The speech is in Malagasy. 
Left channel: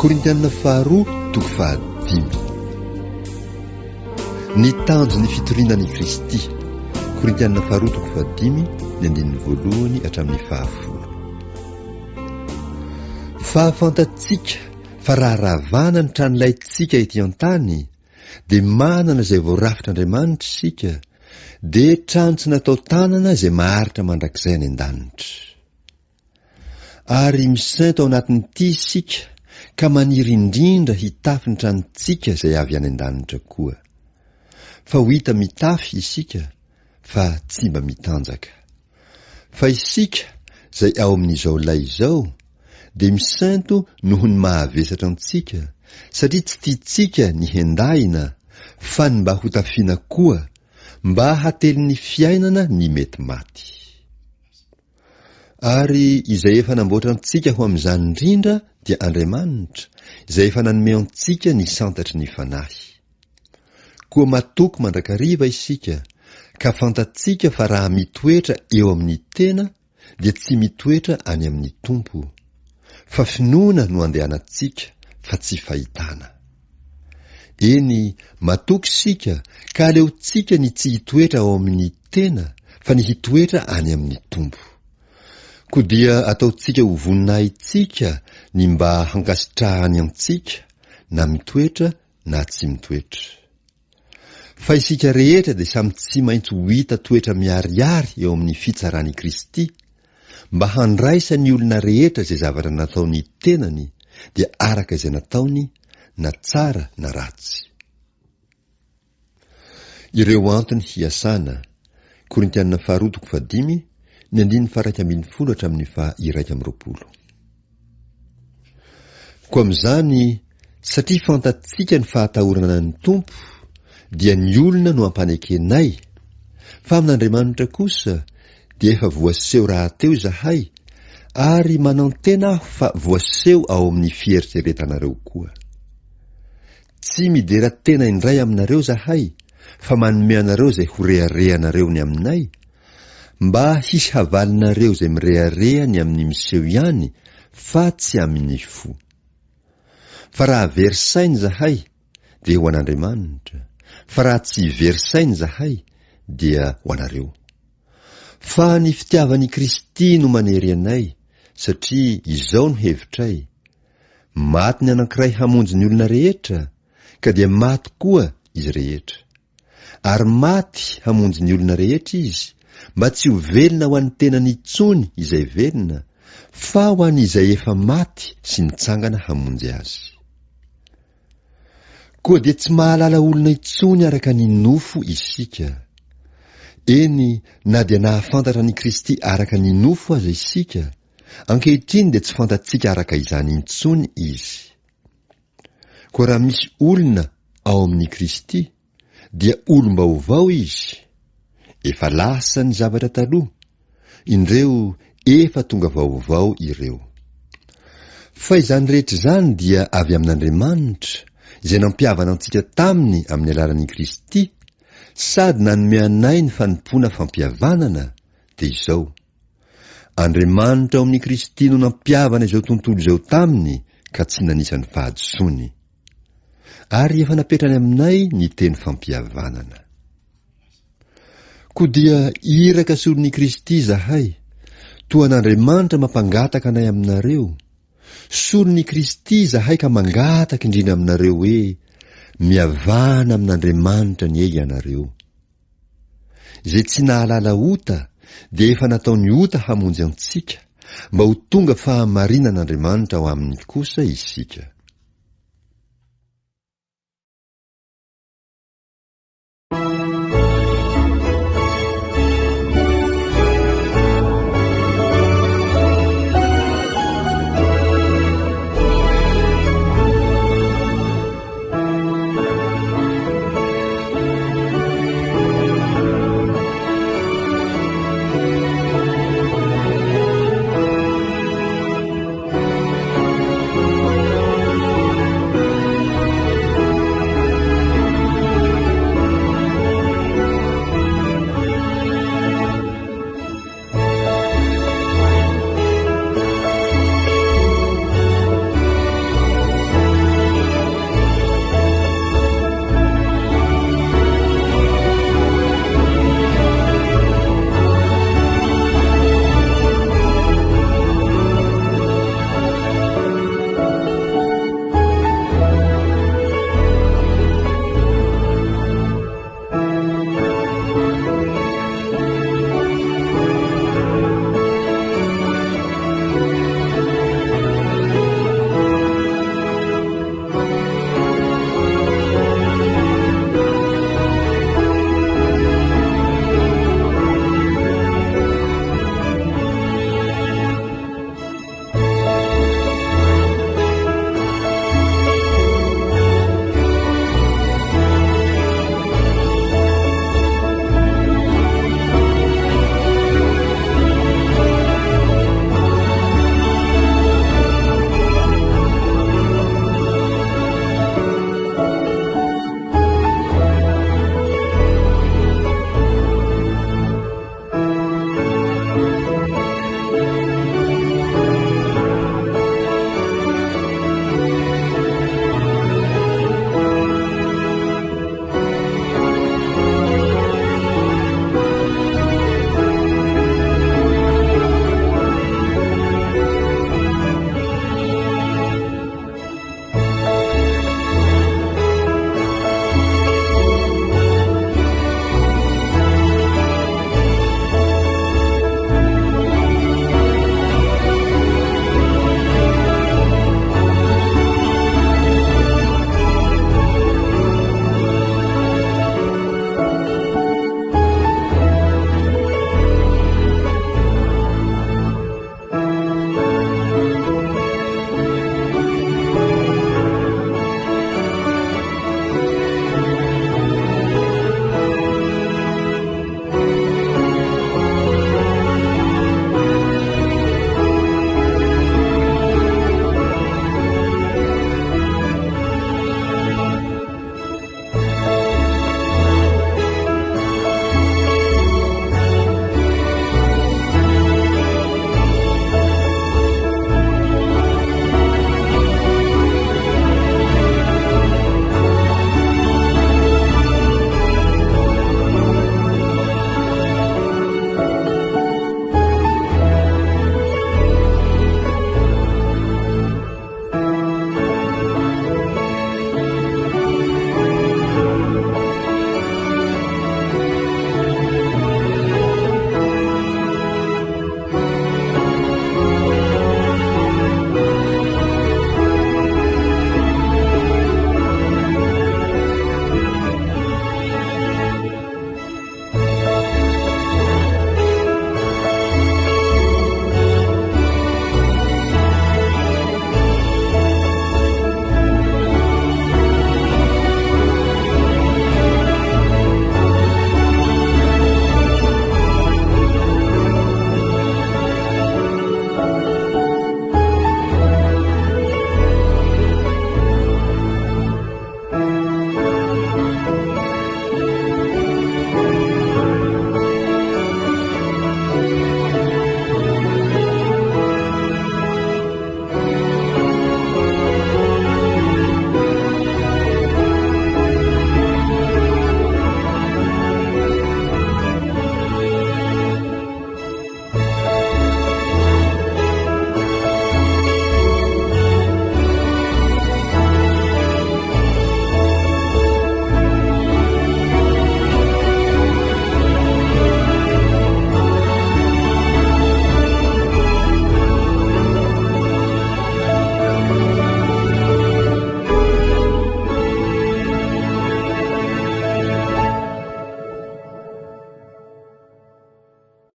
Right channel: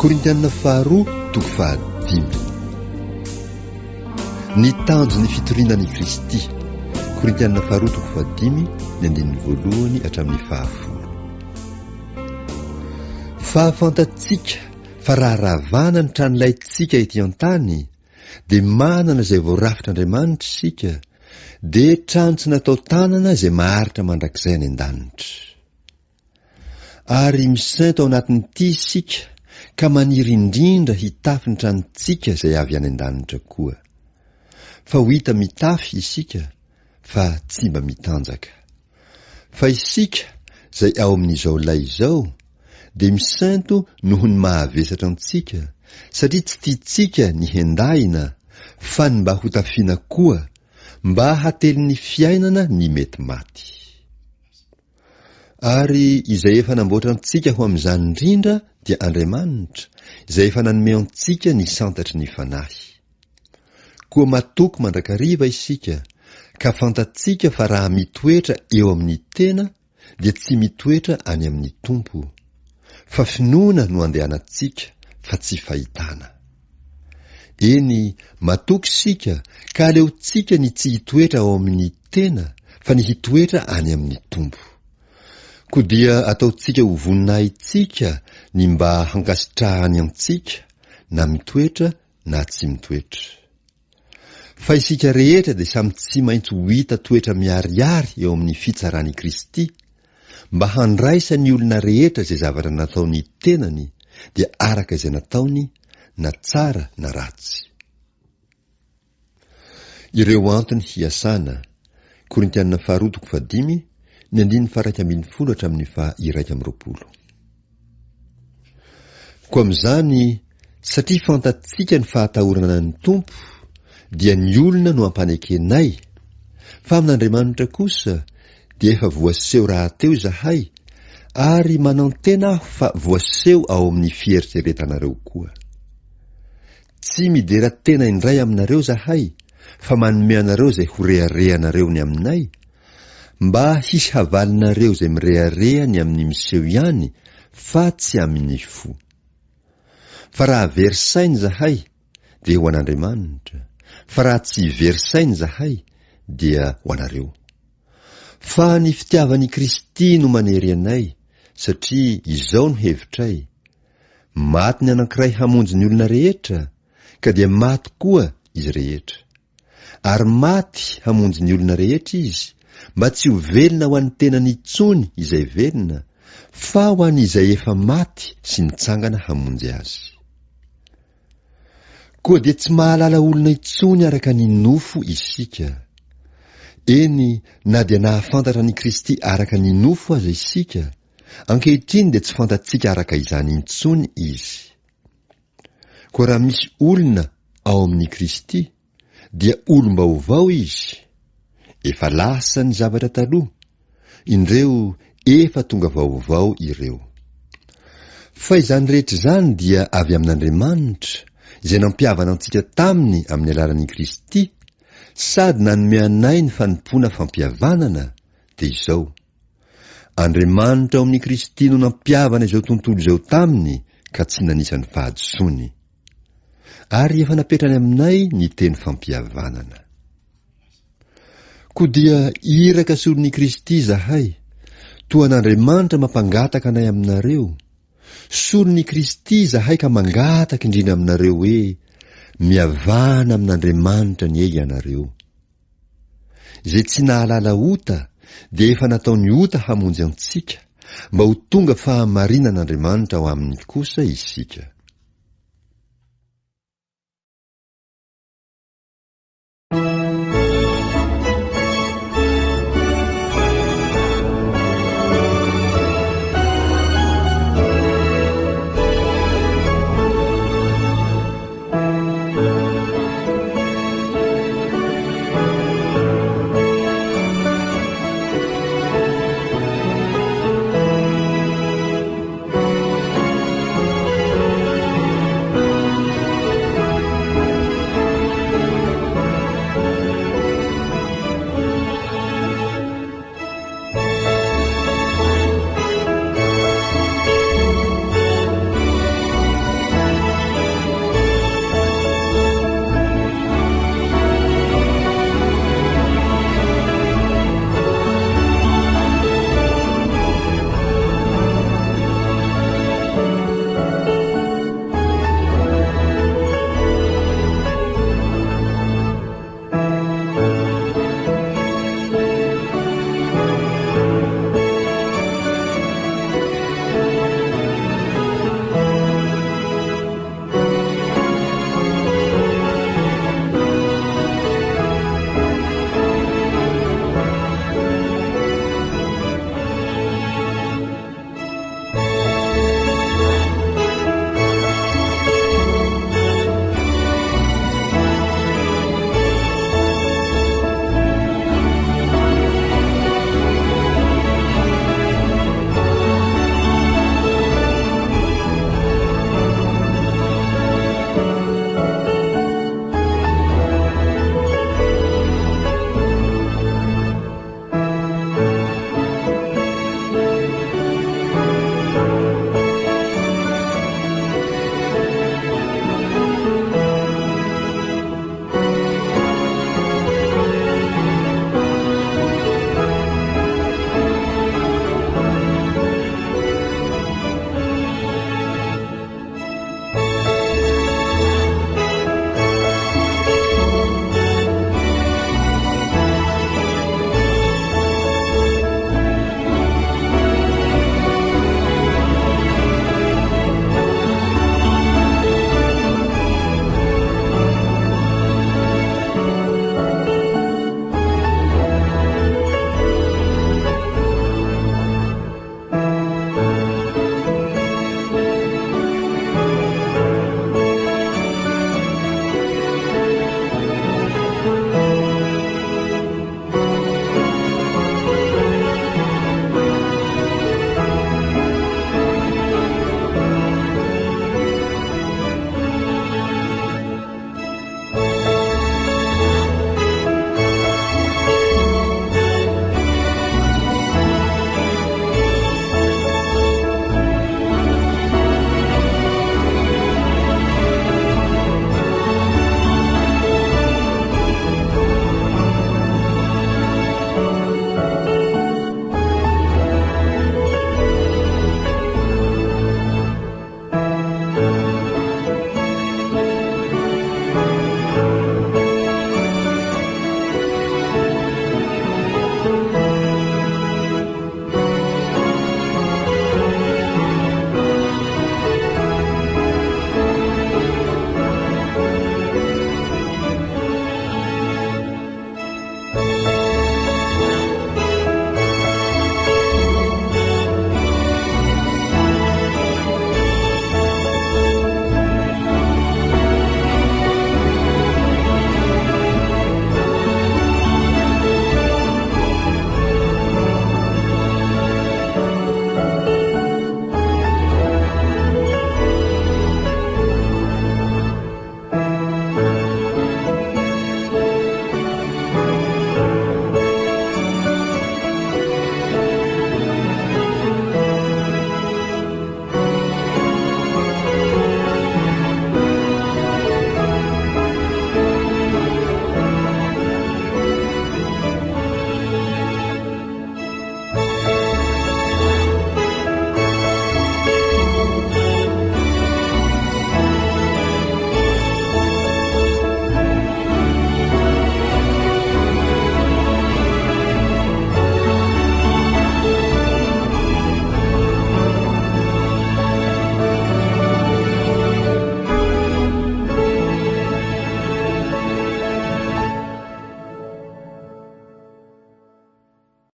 Korintianina faharoa toko fahadimy. Ny tanjony fitorinan'i Kristy. Korintianina faharoa toko fahadimy, ny andininy voalohany hatramin'ny fahafolo. Fahafantatsika fa raha ravana ny tranolaytsika ety an-tany, dia manana izay voarafitr'Andriamanitra isika, dia trano tsy natao tanana izay maharitra mandrakizay any an-danitra. Ary misainto ao anatin'ity isika, ka maniry indrindra hitafy ny tranontsika izay avy any an-danitra koa. Fa ho hita mitafy isika, fa tsy mba mitanjaka. Fa isika izay ao amin'izao lay izao, dia misainto noho ny mahavesatra antsika, satria tsy tiantsika ny hendahina, fa ny mba ho tafiana koa, mba hately ny fiainana ny mety maty. Ary izay efa namboatra antsika ho amin'izany indrindra dia Andriamanitra, izay efa nanome antsika ny santatry ny fanahy. Koa matoky mandrakariva isika, ka fantatsika fa raha mitoetra eo amin'ny tena, dia tsy mitoetra any amin'ny tompo. Fa finoana no andehanantsika, fa tsy fahitana. Eny, matoky sika, ka aleontsika ny tsy hitoetra ao amin'ny tena, fa ny hitoetra any amin'ny tompo. Koa dia ataontsika ho voninahitsika ny mba hankasitrahany antsika, na mitoetra na tsy mitoetra. Fa isika rehetra dia samy tsy maintsy ho hita toetra miariary eo amin'ny fitsarany Kristy, mba handraisa ny olona rehetra izay zavatra nataony tenany, dia araka izay nataony, na tsara na ratsy. Ireo antony hiasana. Korintianina faharoa toko fahadimy, ny andininy faha 120 hatramin'ny faha 120. Koa amin'izany, satria fantatsika ny fahatahorana ny tompo, dia ny olona no ampanekenay, fa amin'Andriamanitra kosa dia efa voaseho rahateo izahay, ary manantena aho fa voaseho ao amin'ny fieritreretanareo koa. Tsy midera tena indray aminareo zahay, fa manome anareo izay ho reharehanareo ny aminay, mba hisy havalinareo izay mireharehany amin'ny miseho ihany, fa tsy amin'ny fo. Fa raha verisainy zahay, dia ho an'Andriamanitra, fa raha tsy verisainy zahay, dia ho anareo. Fa ny fitiavan'i Kristy no manery anay, satria izao no hevitray. Maty ny anankiray hamonjy ny olona rehetra, ka dia maty koa izy rehetra. Ary maty hamonjy ny olona rehetra izy, mba tsy ho velona ho an'ny tenany intsony izay velona, fa ho an'izay efa maty sy nitsangana hamonjy azy. Koa dia tsy mahalala olona intsony araka ny nofo isika. Eny, na dia nahafantatra ny Kristy araka ny nofo aza isika, ankehitriny dia tsy fantatsika araka izany intsony izy. Koa raha misy olona ao amin'ny Kristy, dia olom-baovao izy. Efa lasa ny zavatra taloha, indreo efa tonga vaovao ireo. Fa izany rehetra izany dia avy amin'Andriamanitra, izay nampiavana antsika taminy amin'ny alalan'i Kristy, sady nanome anay ny fanompoana fampihavanana, dia izao. Andriamanitra ao amin'ny Kristy no nampiavana izao tontolo izao taminy, ka tsy nanisany fahadosoany. Ary efa napetrany aminay ny teny fampihavanana. Koa dia iraka solon'i Kristy zahay, toa an'Andriamanitra mampangataka anay aminareo. Solon'i Kristy zahay ka mangataka indrindra aminareo hoe, mihavana amin'Andriamanitra ny ey ianareo. Izay tsy nahalala ota, dia efa nataony ota hamonjy antsika, mba ho tonga fahamarinan'Andriamanitra ao aminy kosa isika.